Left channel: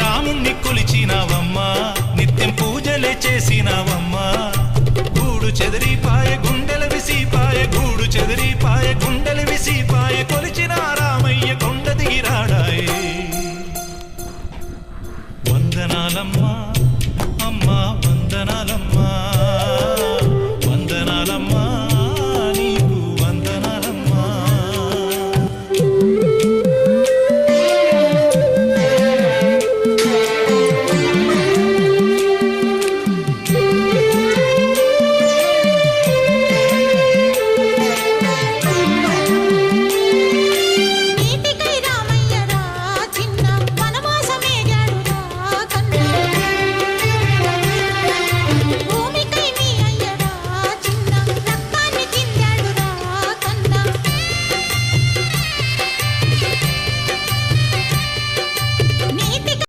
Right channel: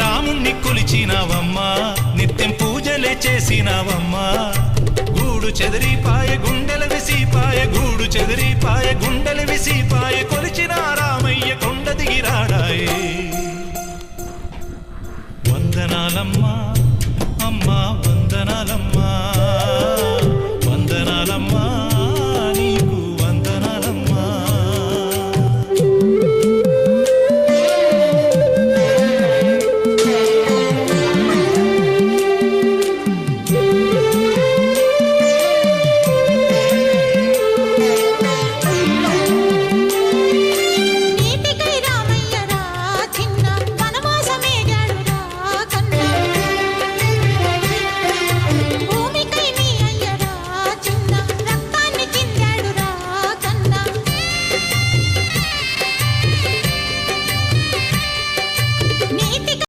రాముణ్ణి కొలిచినావమ్మా నిత్యం పూజలే చేసినావమ్మా గూడు చెదిరిపాయ గుండెల విసిపాయ గూడు చెదిరిపాయ గుండెల విసిపాయ కొలిచిన రామయ్య కొండ దిగిరాడాయే వందనాలమ్మా అమ్మా వందనాలమ్మా వందనాలమ్మా